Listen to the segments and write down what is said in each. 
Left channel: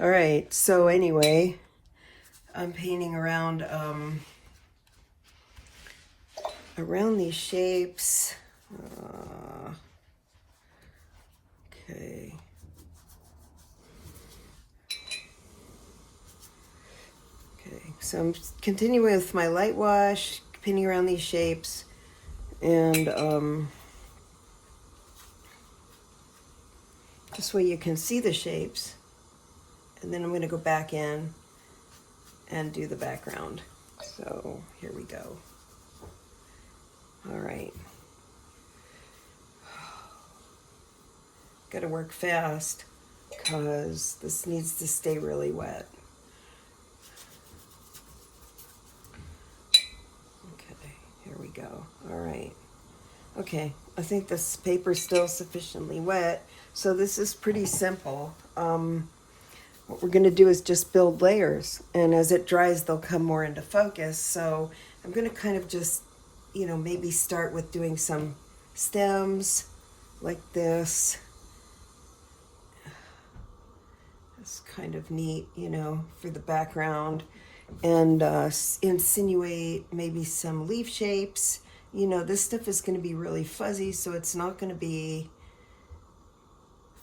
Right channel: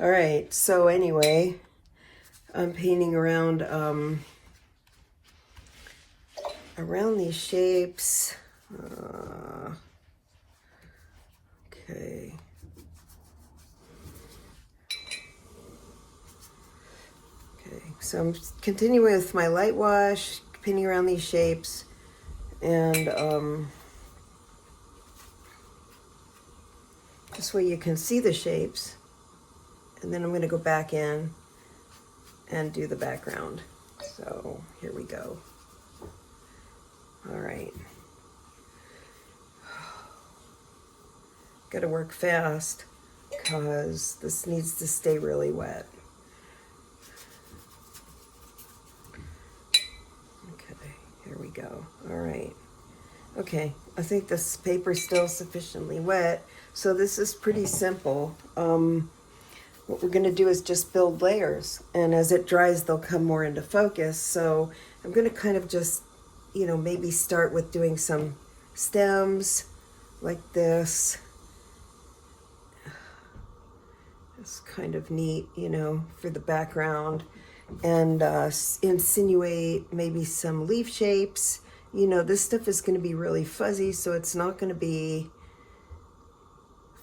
All right, so anyway, I'm painting around around these shapes. Okay. Okay, so I'm continuing with my light wash, painting around these shapes, and this way you can see the shapes. And then I'm going to go back in and do the background. So here we go. All right. Got to work fast because this needs to stay really wet. Okay, here we go. All right. Okay, I think this paper's still sufficiently wet. So this is pretty simple. What we're going to do is just build layers, and as it dries they'll come more into focus. So I'm going to kind of just, maybe start with doing some stems like this. It's kind of neat, for the background, and insinuate maybe some leaf shapes. This stuff is going to be really fuzzy, so it's not going to be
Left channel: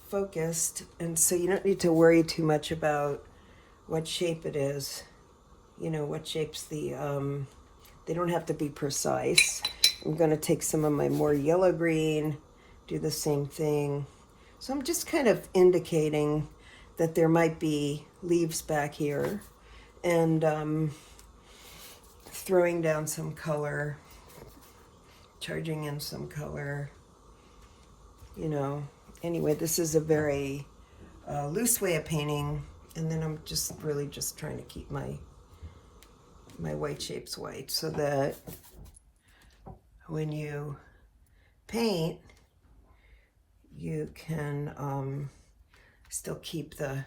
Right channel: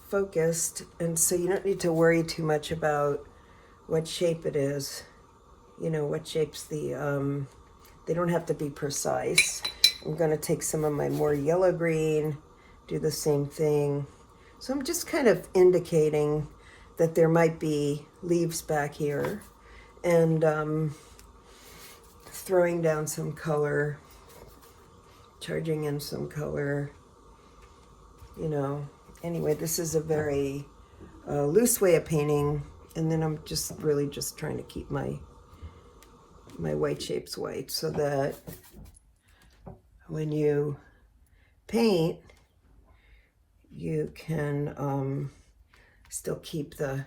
focused, and so you don't need to worry too much about what shape it is. What shapes they don't have to be precise. I'm going to take some of my more yellow green, do the same thing. So I'm just kind of indicating that there might be leaves back here, and throwing down some color, charging in some color, Anyway, this is a very loose way of painting, and then I'm just really just trying to keep my white shapes white, so that when you paint, you can still keep the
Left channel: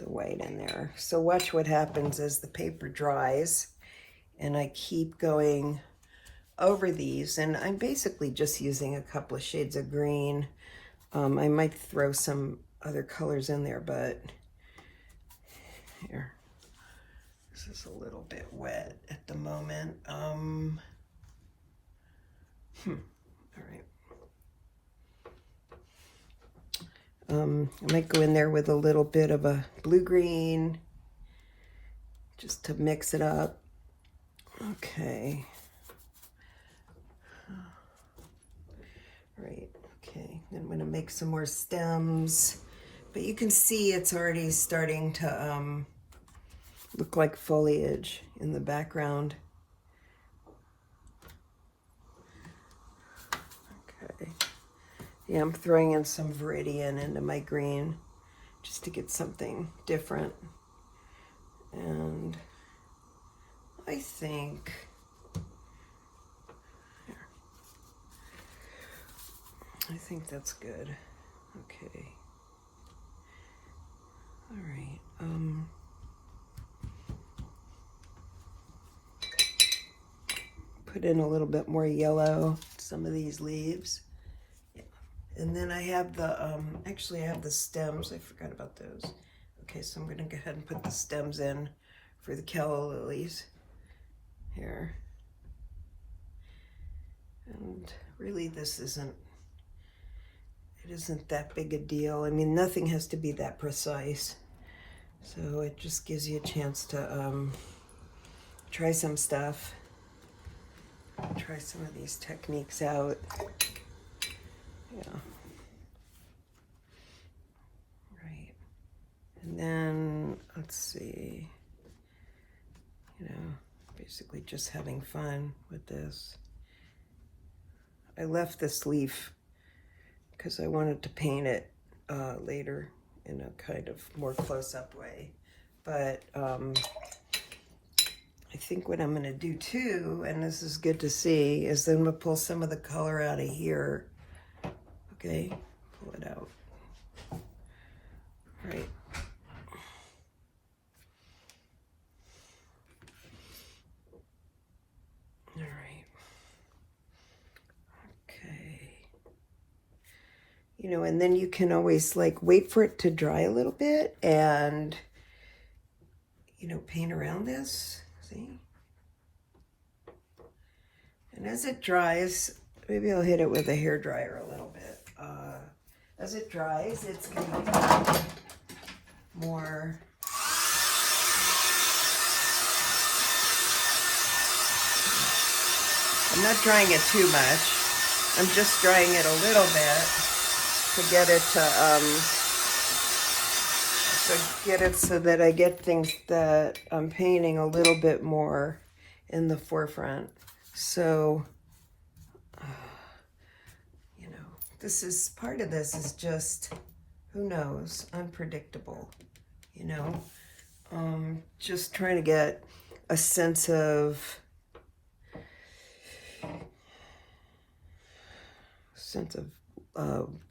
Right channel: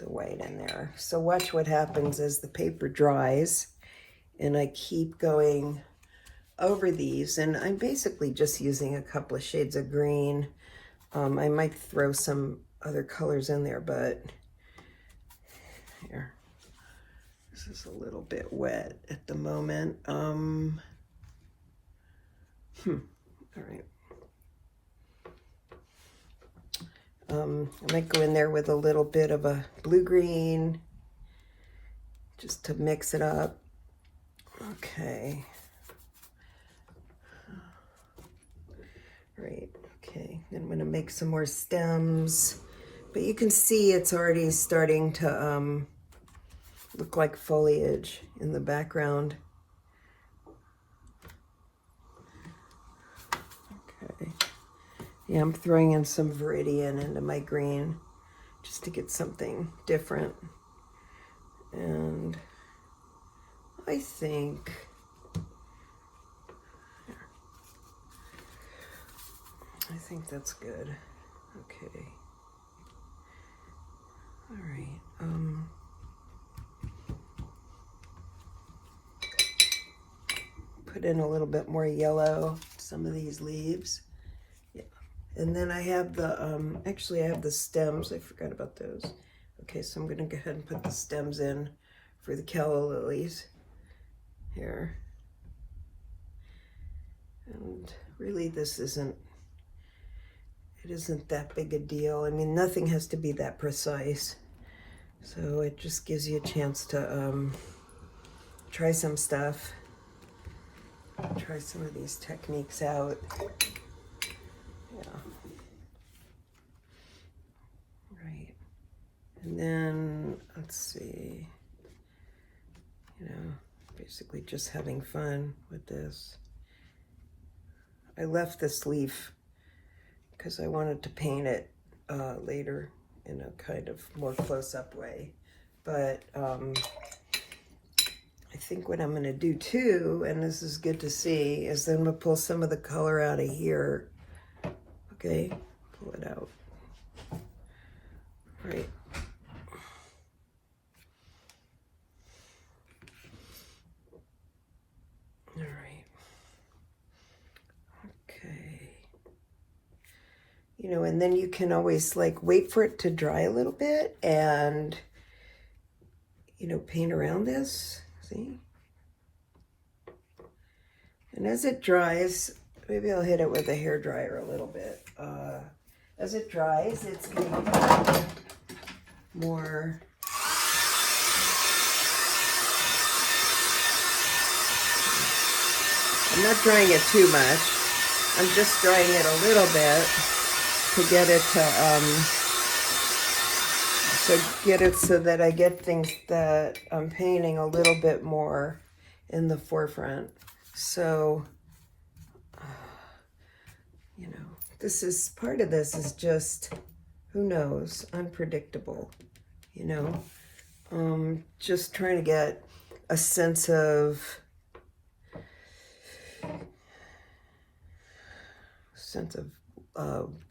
white in there. So watch what happens as the paper dries, and I keep going over these, and I'm basically just using a couple of shades of green. I might throw some other colors in there, but here, this is a little bit wet at the moment. All right. I might go in there with a little bit of a blue-green, just to mix it up. Okay. Right, okay. Then I'm gonna make some more stems, but you can see it's already starting to look like foliage in the background. Okay. Yeah, I'm throwing in some Viridian into my green just to get something different. And I think that's good. Okay. All right. Put in a little bit more yellow, some of these leaves. Yeah. And then I have the, actually I have the stems. I forgot about those. Okay, so I'm gonna go ahead and put the stems in for the calla lilies here. And really this isn't that big a deal. I mean, nothing has to be that precise. So it just gives you a chance to try some stuff. Try some of these techniques out. Yeah. Right. And then, let's see, basically just having fun with this. I left this leaf because I wanted to paint it later in a kind of more close-up way. But I think what I'm going to do too, and this is good to see, is then we'll pull some of the color out of here. Okay, pull it out. All right. All right. Okay. you know, and then you can always like wait for it to dry a little bit and, you know, paint around this, see? And as it dries, maybe I'll hit it with a hairdryer a little bit. As it dries, it's going to become more... I'm not drying it too much. I'm just drying it a little bit to get it so that I get things that I'm painting a little bit more in the forefront. So, you know, part of this is just, who knows, unpredictable, you know? Just trying to get a sense of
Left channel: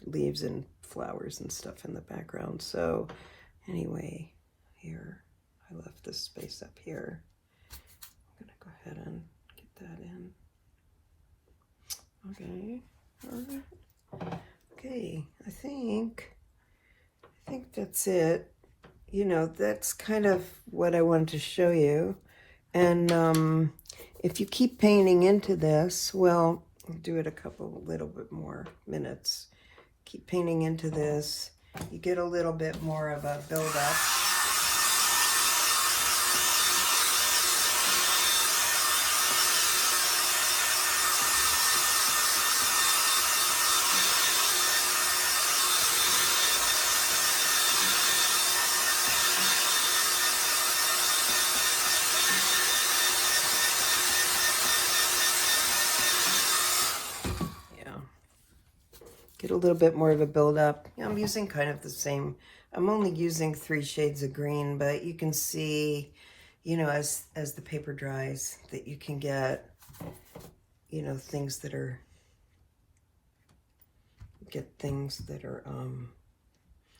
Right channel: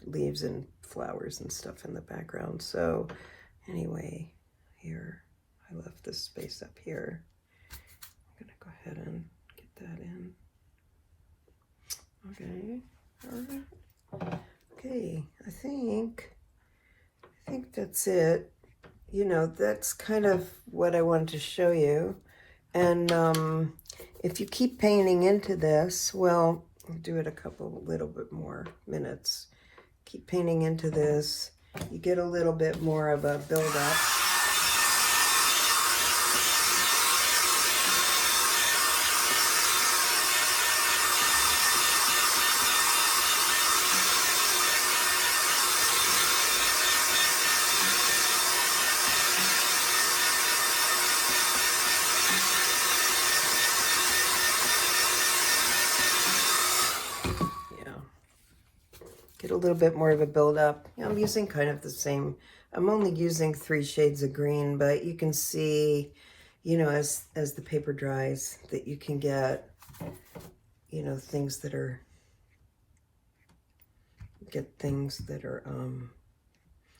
leaves and flowers and stuff in the background. So anyway, here, I left this space up here. I'm gonna go ahead and get that in. Okay, all right. Okay, I think that's it. You know, that's kind of what I wanted to show you. And if you keep painting into this, well, I'll do it a little bit more minutes. Keep painting into this. You get a little bit more of a build-up. Get a little bit more of a build-up. I'm using kind of the same. I'm only using 3 shades of green, but you can see, you know, as the paper dries, that you can get, you know, things that are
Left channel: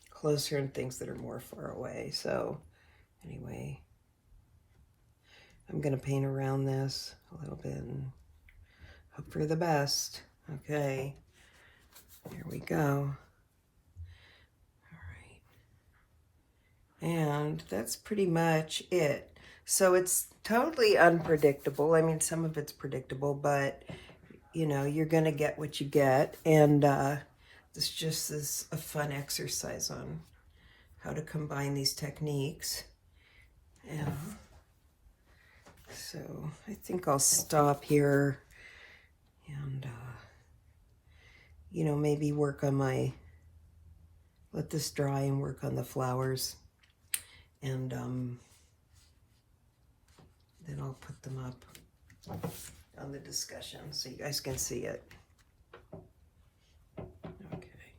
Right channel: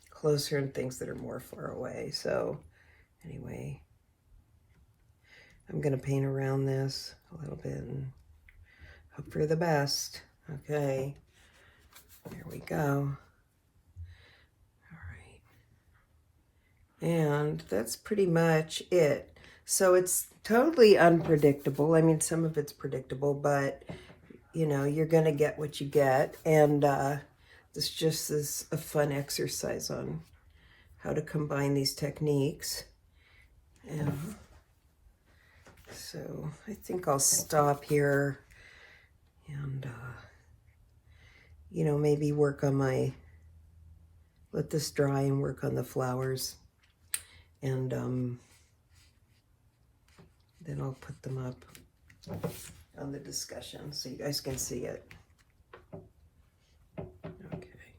closer and things that are more far away. So anyway, I'm gonna paint around this a little bit and hope for the best. Okay. Here we go. All right. And that's pretty much it. So it's totally unpredictable. I mean, some of it's predictable, but, you know, you're going to get what you get. And this just is a fun exercise on how to combine these techniques. And so I think I'll stop here and... you know, maybe work on let this dry and work on the flowers. And then I'll put them up on the discussion so you guys can see it. Okay.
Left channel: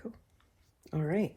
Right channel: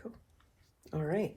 Cool. All right.